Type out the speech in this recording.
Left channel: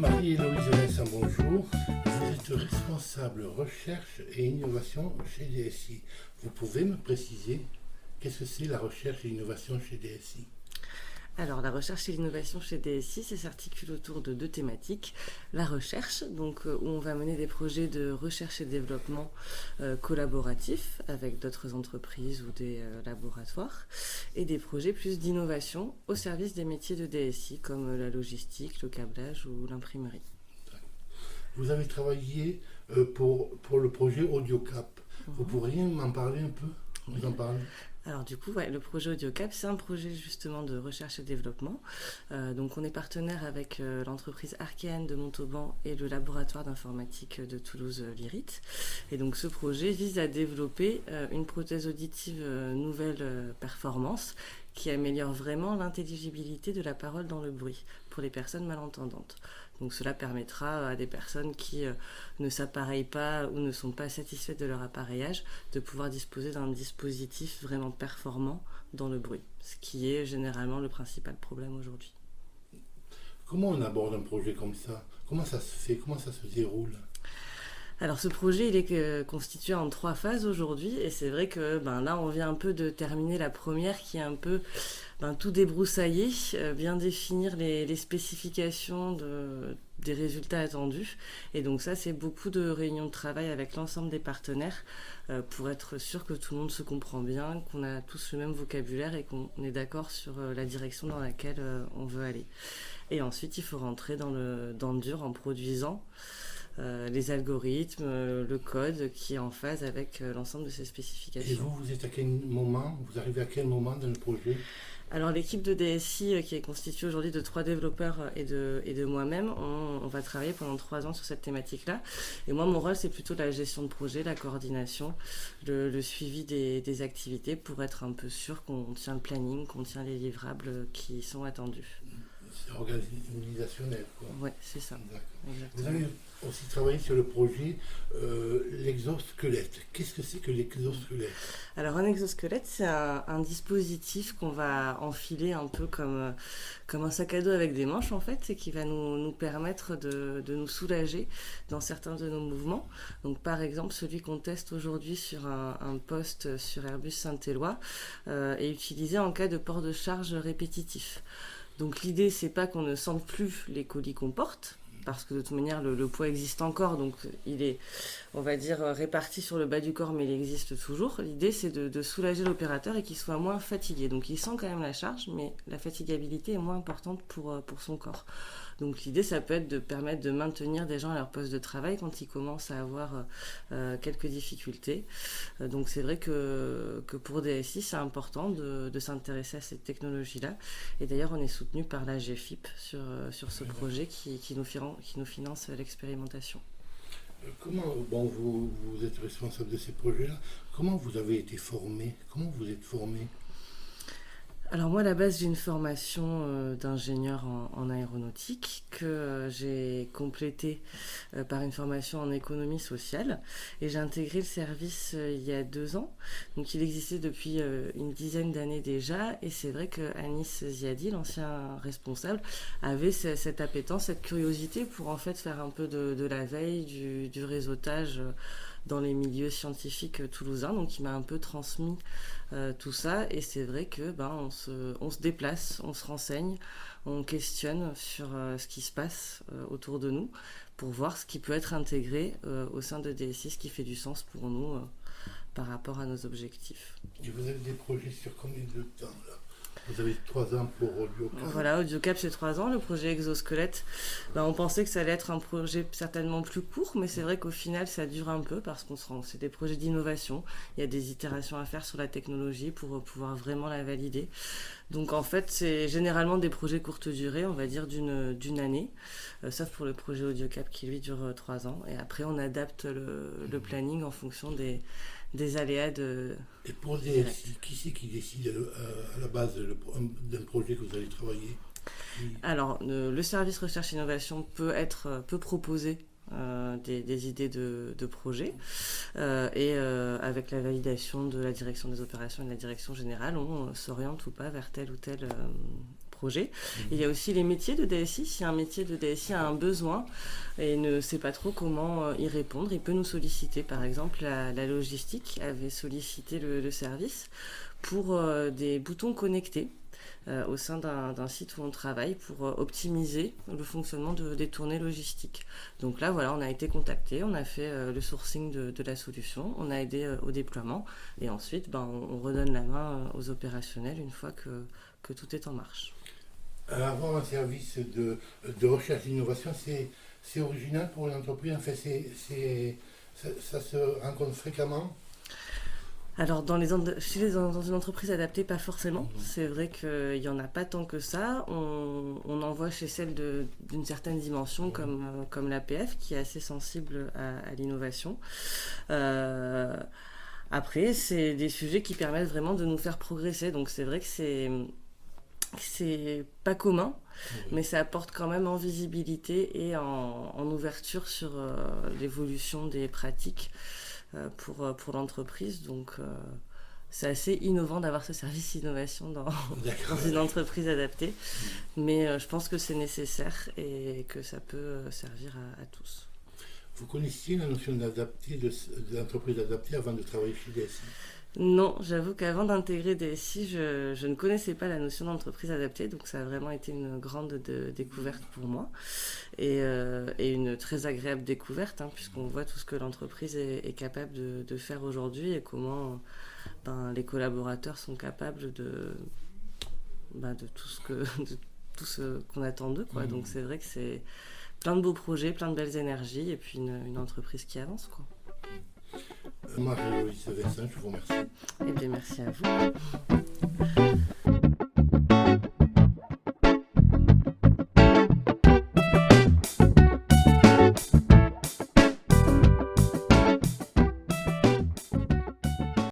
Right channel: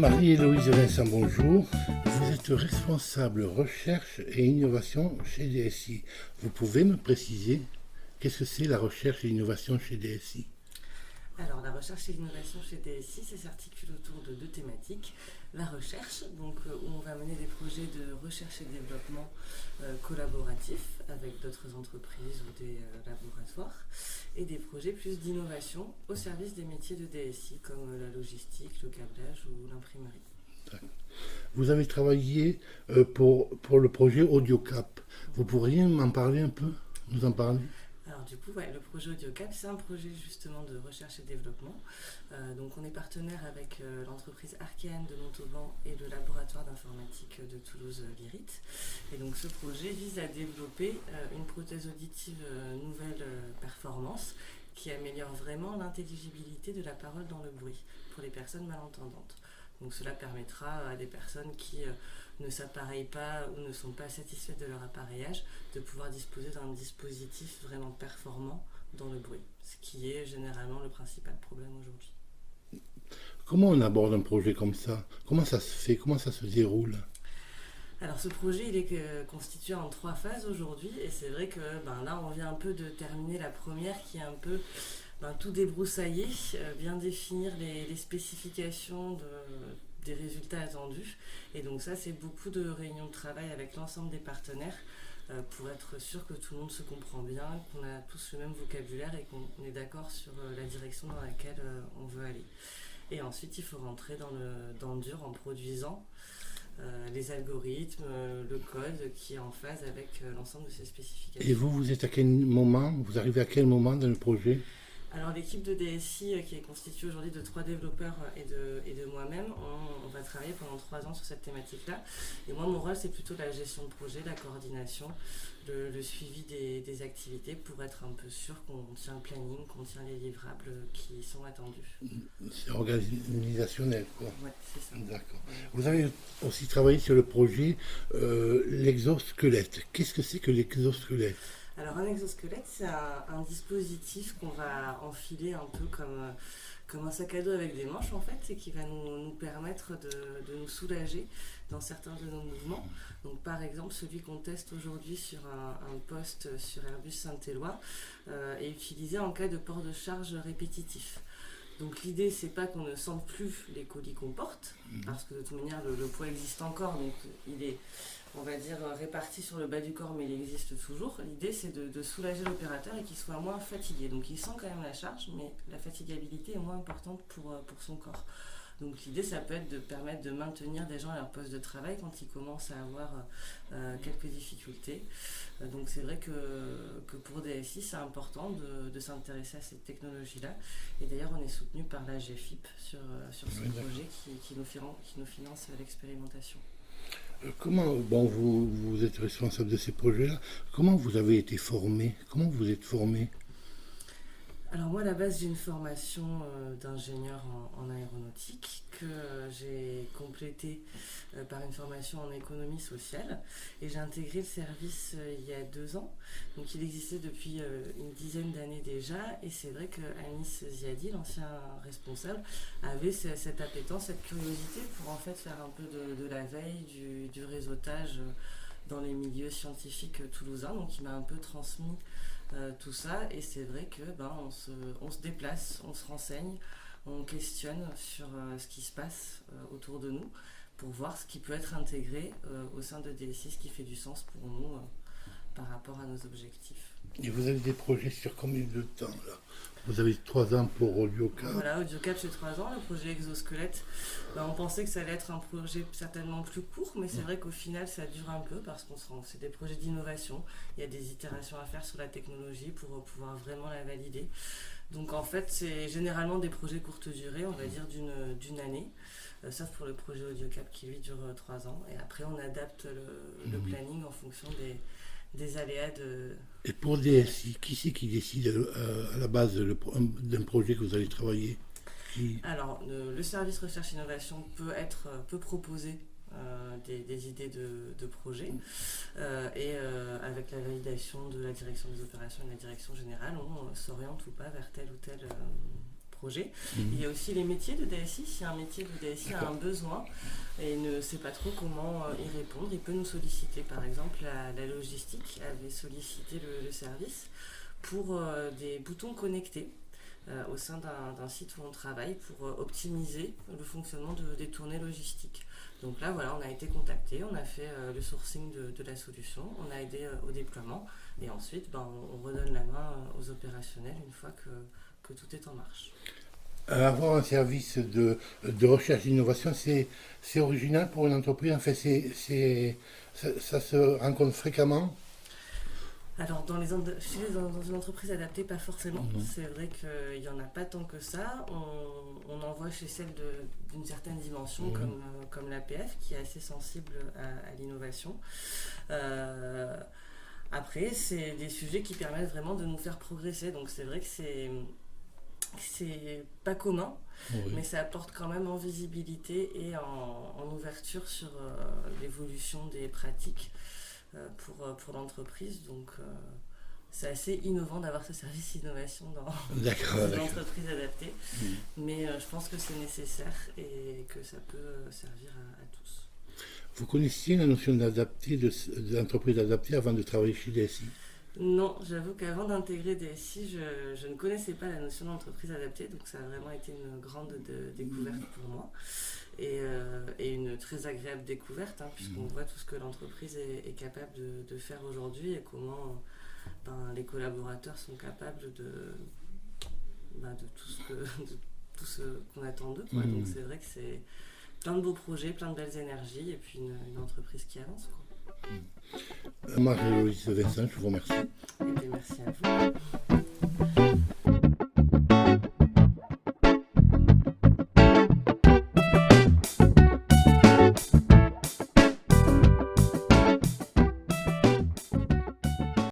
Marie-Héloïse Vincent, bonjour. Vous êtes responsable recherche et innovation chez DSI. Vous pouvez me préciser qu'est-ce que c'est la recherche et l'innovation chez DSI? Alors, la recherche et l'innovation chez DSI, ça s'articule autour de deux thématiques. La recherche, où on va mener des projets de recherche et développement collaboratifs avec d'autres entreprises ou des laboratoires, et des projets plus d'innovation au service des métiers de DSI, comme la logistique, le câblage ou l'imprimerie. Vous avez travaillé pour le projet AudioCap. Vous pourriez m'en parler un peu? Vous en parlez? Alors du coup, le projet AudioCap, c'est un projet justement de recherche et développement. Donc on est partenaire avec l'entreprise Arkéane de Montauban et le laboratoire d'informatique de Toulouse Lyrit. Et donc ce projet vise à développer une prothèse auditive nouvelle performance qui améliore vraiment l'intelligibilité de la parole dans le bruit pour les personnes malentendantes. Donc cela permettra à des personnes qui ne s'appareillent pas ou ne sont pas satisfaites de leur appareillage de pouvoir disposer d'un dispositif vraiment performant dans le bruit, ce qui est généralement le principal problème aujourd'hui. Comment on aborde un projet comme ça? Comment ça se fait? Comment ça se déroule? Alors ce projet il est constitué en 3 phases aujourd'hui et c'est vrai que là on vient un peu de terminer la première qui est un peu tout débroussailler, bien définir les spécifications des résultats attendus. Et donc ça, c'est beaucoup de réunions de travail avec l'ensemble des partenaires pour être sûr que tout le monde se comprend bien, qu'on a tous le même vocabulaire et qu'on est d'accord sur la direction dans laquelle on veut aller. Et ensuite, il faut rentrer dans le dur en produisant les algorithmes, le code qui est en phase avec l'ensemble de ces spécifications. Et vous êtes à quel moment? Vous arrivez à quel moment dans le projet? Alors l'équipe de DSI qui est constituée aujourd'hui de 3 développeurs et de moi-même, on va travailler pendant 3 ans sur cette thématique-là. Et moi mon rôle c'est plutôt la gestion de projet, la coordination, le suivi des activités pour être un peu sûr qu'on tient le planning, qu'on tient les livrables qui sont attendus. C'est organisationnel, quoi. Ouais, c'est ça. D'accord. Vous avez aussi travaillé sur le projet l'exosquelette. Qu'est-ce que c'est que l'exosquelette? Alors un exosquelette, c'est un dispositif qu'on va enfiler un peu comme un sac à dos avec des manches en fait, et qui va nous permettre de nous soulager dans certains de nos mouvements. Donc par exemple, celui qu'on teste aujourd'hui sur un poste sur Airbus Saint-Éloi est utilisé en cas de port de charge répétitif. Donc l'idée, c'est pas qu'on ne sente plus les colis qu'on porte, parce que de toute manière, le poids existe encore, donc il est, on va dire, réparti sur le bas du corps, mais il existe toujours. L'idée, c'est de soulager l'opérateur et qu'il soit moins fatigué. Donc il sent quand même la charge, mais la fatigabilité est moins importante pour son corps. Donc l'idée, ça peut être de permettre de maintenir des gens à leur poste de travail quand ils commencent à avoir quelques difficultés. Donc c'est vrai que pour DSI, c'est important de s'intéresser à cette technologie-là. Et d'ailleurs, on est soutenu par la GFIP sur ce projet qui nous finance l'expérimentation. Comment, vous êtes responsable de ces projets-là, comment vous avez été formé? Comment vous êtes formé? Alors moi à la base j'ai une formation d'ingénieur en aéronautique que j'ai complétée par une formation en économie sociale et j'ai intégré le service il y a 2 ans. Donc il existait depuis une dizaine d'années déjà et c'est vrai que Anis Ziadi, l'ancien responsable, avait cette appétence, cette curiosité pour en fait faire un peu de la veille, du réseautage dans les milieux scientifiques toulousains. Donc il m'a un peu transmis tout ça et c'est vrai que on se déplace, on se renseigne, on questionne sur ce qui se passe autour de nous pour voir ce qui peut être intégré au sein de DSI, ce qui fait du sens pour nous par rapport à nos objectifs. Et vous avez des projets sur combien de temps là? Vous avez 3 ans pour AudioCap. Voilà, AudioCap c'est 3 ans. Le projet Exosquelette, on pensait que ça allait être un projet certainement plus court, mais c'est vrai qu'au final ça dure un peu parce c'est des projets d'innovation. Il y a des itérations à faire sur la technologie pour pouvoir vraiment la valider. Donc en fait c'est généralement des projets courte durée, on va dire d'une année, sauf pour le projet AudioCap qui lui dure 3 ans. Et après on adapte le planning en fonction des aléas de... Et pour DSI, qui c'est qui décide à la base d'un projet que vous allez travailler? Alors, le service recherche et innovation peut proposer des idées de projets et avec la validation de la direction des opérations et de la direction générale, on s'oriente ou pas vers tel ou tel projet. Il y a aussi les métiers de DSI. Si un métier de DSI a un besoin et ne sait pas trop comment y répondre, il peut nous solliciter. Par exemple, la logistique avait sollicité le service pour des boutons connectés au sein d'un site où on travaille pour optimiser le fonctionnement des tournées logistiques. Donc là, voilà, on a été contacté, on a fait le sourcing de la solution, on a aidé au déploiement et ensuite, on redonne la main aux opérationnels une fois que tout est en marche. Avoir un service de recherche d'innovation, c'est original pour une entreprise. En fait, ça se rencontre fréquemment. Alors, dans une entreprise adaptée, pas forcément. C'est vrai qu'il n'y en a pas tant que ça. On en voit chez celles d'une certaine dimension, comme l'APF, qui est assez sensible à l'innovation. Après, c'est des sujets qui permettent vraiment de nous faire progresser. Donc, c'est vrai que c'est pas commun, mais ça apporte quand même en visibilité et en ouverture sur l'évolution des pratiques pour l'entreprise. Donc c'est assez innovant d'avoir ce service innovation dans une entreprise adaptée, mais je pense que c'est nécessaire et que ça peut servir à tous. Vous connaissiez la notion d'entreprise adaptée avant de travailler chez DSI? Non, j'avoue qu'avant d'intégrer DSI, je ne connaissais pas la notion d'entreprise adaptée, donc ça a vraiment été une grande découverte pour moi et une très agréable découverte, puisqu'on voit tout ce que l'entreprise est capable de faire aujourd'hui et comment les collaborateurs sont capables de tout ce qu'on attend d'eux, quoi. Donc c'est vrai que c'est plein de beaux projets, plein de belles énergies et puis une entreprise qui avance, quoi. Marie-Louise Vincent, je vous remercie. Et bien, merci à vous.